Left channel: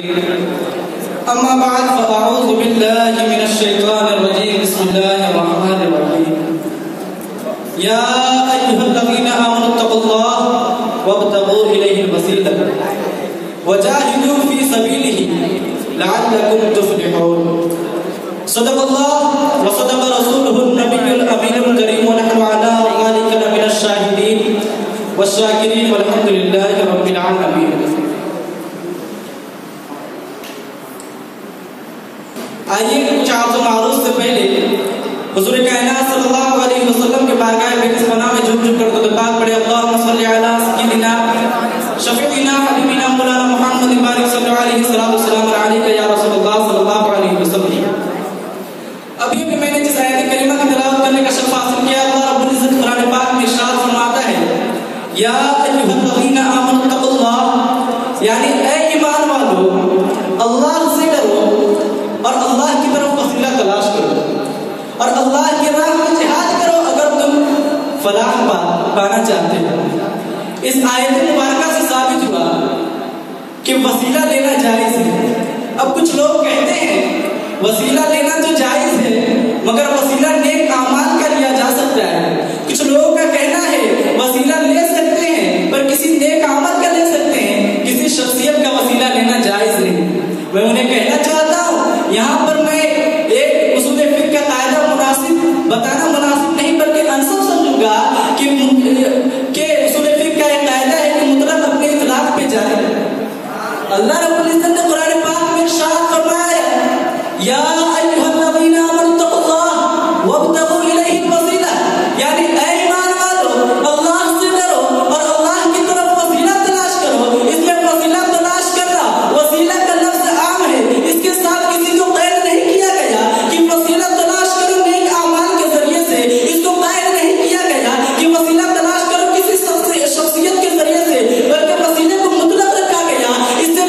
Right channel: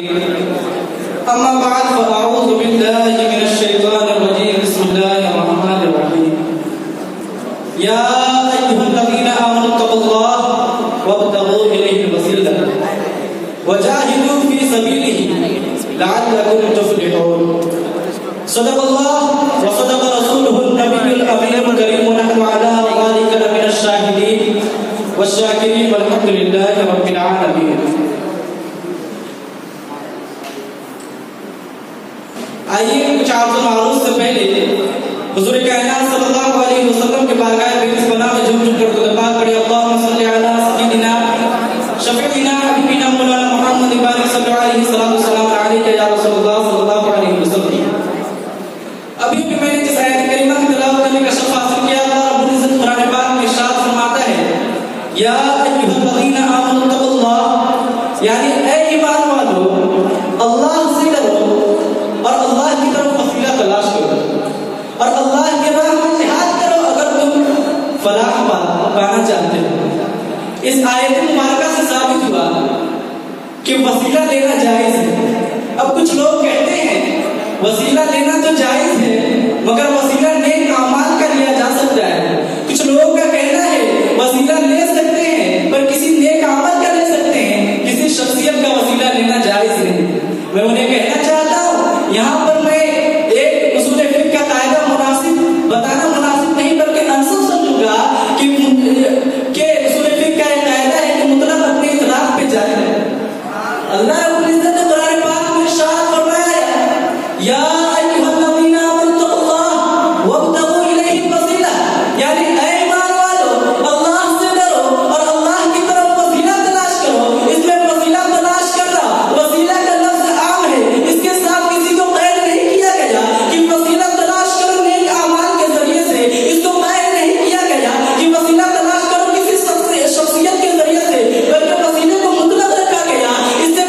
अम्मा बाद फ़अऊज़ु बिल्लाहि मिनश शैतानिर रजीम बिस्मिल्लाहिर रहमानिर रहीम या अय्युहल्लज़ीना आमनु तक़ुल्लाह वब्तग़ू इलैहिल वसीला वजाहिदू फी सबीलिही लअल्लकुम तुफ़्लिहून। सदक़ल्लाह व सदक़ रसूलुहुन नबियुल अमीनुल करीम व नहनु अला ज़ालिका लमिनश शाहिदीन वश्शाकिरीन वल्हम्दुलिल्लाहि रब्बिल आलमीन। आइए कुछ आदत मारूफ से पहले हुजूर कायनात सल्लल्लाहु अलैहि वसल्लम के बारगाह बेनस बना में झूम झूम कर दुआ पाक पढ़े। अल्लाहुम्मा सल्लि अला सय्यिदिना शफीइना हबीबिना मौलाना मुहम्मद बारिक सल्लल्लाहु अलैहि वसल्लम अलैका या रसूलुल्लाह सल्लल्लाहु अलैहि वसल्लम। अभी भी मैंने जिस आयत करीमा की तिलावत करने का शर्फ हासिल किया, अल्लाह रब्बुल इज्जत कुरान पाक में इरशाद फरमाता है या अय्युहल्लज़ीना आमनु तक़ुल्लाह, यानी ऐ ईमान वालों अल्लाह से डरो और अल्लाह की तरफ वसीला तलाश करो और अल्लाह के राह में जिहाद करो अगर तुम फलाह पाना चाहते हो। इस आयत मुबारका से साबित हुआ कि वसीला लेना जायज है। अब कुछ लोग कहते हैं वसीला लेना तो जायज है मगर वसीला नेक अमाल का लिया जा सकता है। कुछ लोगों का कहना है वसीला ले सकते हैं पर किसी नेक अमल का ले सकते हैं, किसी शख्सियत का वसीला लेना जायज नहीं। मैं उन्हें कहना चाहता हूँ यहाँ पर मैं एक उसूल फिक़्ह का कायदा बताना मुनासिब नहीं बल्कि अनसब समझूंगा कि उसूल फिक़्ह का एक कायदा है कि मुतलक अपने इतलाक़ पे जाए। अल्लाह रब्बुल इज्जत ने कुरान पाक में इरशाद फरमाया या अय्युहल्लज़ीना आमनु तक़ुल्लाह वब्तग़ू इलैहिल वसीला, यानी ऐ ईमान वालों अल्लाह से डरो और अल्लाह की तरफ वसीला तलाश करो। इसमें वसीला तलाश करना, वसीला का लफ्ज़ आम है, इसके साथ किसी को कैद नहीं किया गया कि वसीला तलाश करो नेक अमाल के जरिए से। इसको कैद नहीं किया गया कि वसीला तलाश करो किसी शख्सियत के जरिए से, बल्कि वसीले को मुतलक रखा गया। इससे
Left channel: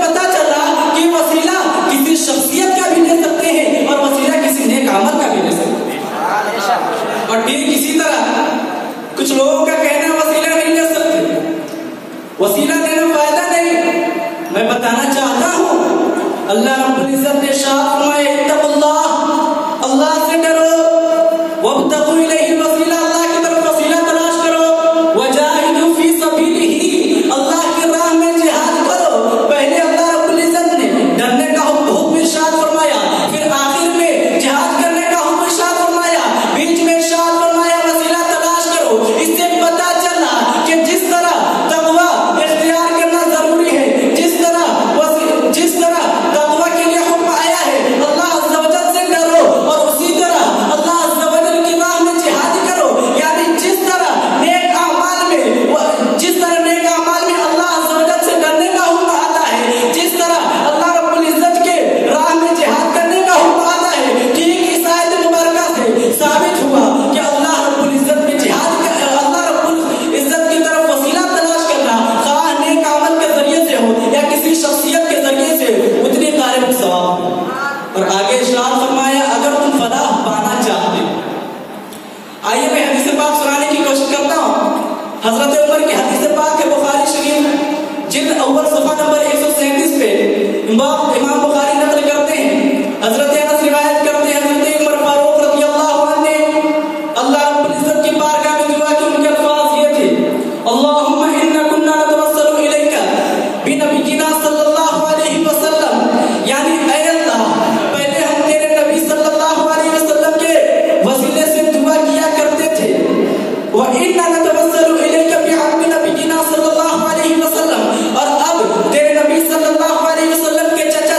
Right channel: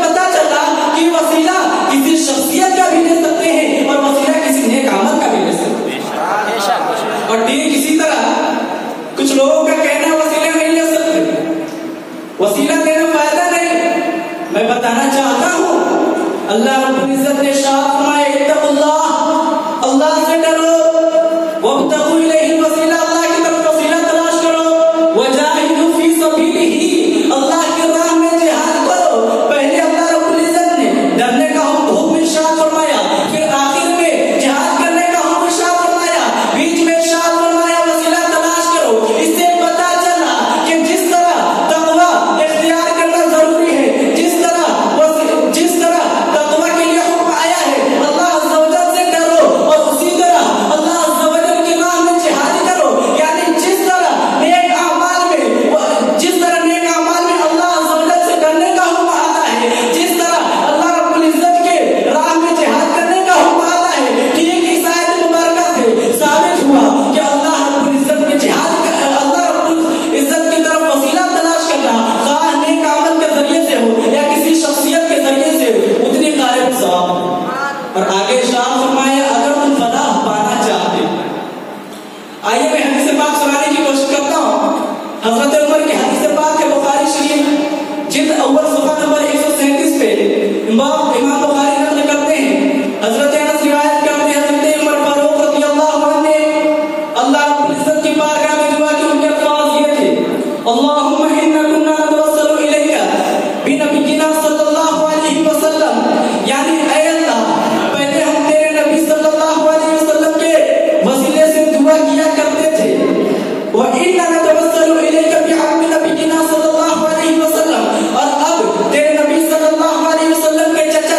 पता चला कि वसीला किसी शख्सियत का भी ले सकते हैं और वसीला किसी नेक अमल का भी ले सकते हैं। और ठीक इसी तरह कुछ लोगों का कहना वसीला नहीं ले सकते, वसीला लेना फायदा नहीं। मैं बताना चाहता हूँ अल्लाह रब्बुल इज्जत ने इरशाद फरमाया इत्तक़ुल्लाह, अल्लाह से डरो, वब्तग़ू इलैहिल वसीला, अल्लाह की तरफ वसीला तलाश करो, वजाहिदू फी सबीलिही, अल्लाह की राह में जिहाद करो। पहले अल्लाह रब्बुल इज्जत ने डरने का हुक्म इरशाद फरमाया, फिर आखिर में जिहाद करने का हुक्म इरशाद फरमाया, बीच में इरशाद फरमाया वसीला तलाश करो। इससे पता चला कि जिस तरह तक़वा इख्तियार करना जरूरी है, जिस तरह तक़वा के लिए हुक्म आया है अल्लाह अज़्ज़ा व जल से डरो और उसी तरह अल्लाह अज़्ज़ा व जल की राह में जिहाद करो। यानी जिस तरह नेक अमाल में अल्लाह अज़्ज़ा व जल से डरने का हुक्म आता है, जिस तरह अल्लाह रब्बुल इज्जत के राह में जिहाद करने का हुक्म आता है, ठीक इस आयत मुबारका से साबित हुआ कि अल्लाह रब्बुल इज्जत में जिहाद का, अल्लाह रब्बुल इज्जत की तरफ वसीला तलाश करना ख़ास नेक अमल के जरिए से हो या किसी शख्सियत के जरिए से हो, उतनी क़ारिब सवाब। और आगे इरशाद फरमाया अगर तुम फलाह पाना चाहते। आइए मैं हदीस पाक सुनाने की कोशिश करता हूँ। हज़रत उमर की हदीस पाक है बुखारी शरीफ जिल्द अव्वल सफ़ा नंबर 137 पे इमाम बुखारी नक़ल करते हैं, हज़रत अनस रिवायत करते हैं हज़रत उमर फारूक रज़ियल्लाहु अन्हु ने अल्लाह रब्बुल इज्जत की बारगाह में दुआ की। उनके अल्फाज़ ये थे अल्लाहुम्मा इन्ना कुन्ना नतवस्सलु इलैका बिनबिय्यिना सल्लल्लाहु अलैहि वसल्लम, यानी ऐ अल्लाह पहले हम तेरे नबी सल्लल्लाहु अलैहि वसल्लम के वसीले से दुआ किया करते थे। व इन्ना नतवस्सलु इलैका बिहक़्क़ि नबिय्यिना सल्लल्लाहु अलैहि वसल्लम, और अब तेरे नबी सल्लल्लाहु अलैहि वसल्लम के चचा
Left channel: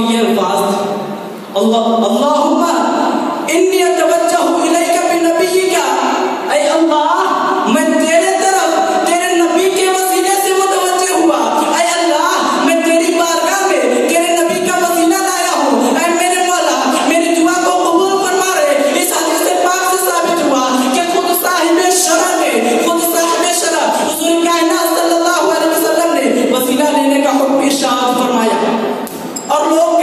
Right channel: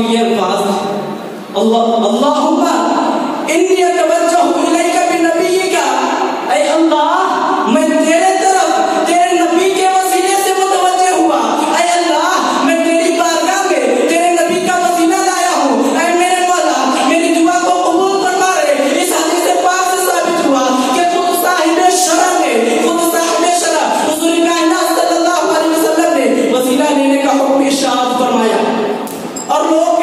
में ये अल्फाज अल्लाहुम्मा इन्नी अतवज्जहु इलैका बिनबिय्यिका, ऐ अल्लाह मैं तेरे तरफ तेरे नबी के वसीले से मुतवज्जह हुआ। ऐ अल्लाह मैं तेरी बारगाह में तेरे नबी का वसीला लाया हूँ। ऐ मेरे मौला मेरी दुआ को कबूल फरमा रहे। इस हदीस पाक से साबित हुआ कि खुद साहिब शरा हुजूर कायनात सल्लल्लाहु अलैहि वसल्लम ने वसीला लेने का हुक्म इरशाद फरमाया। और लोग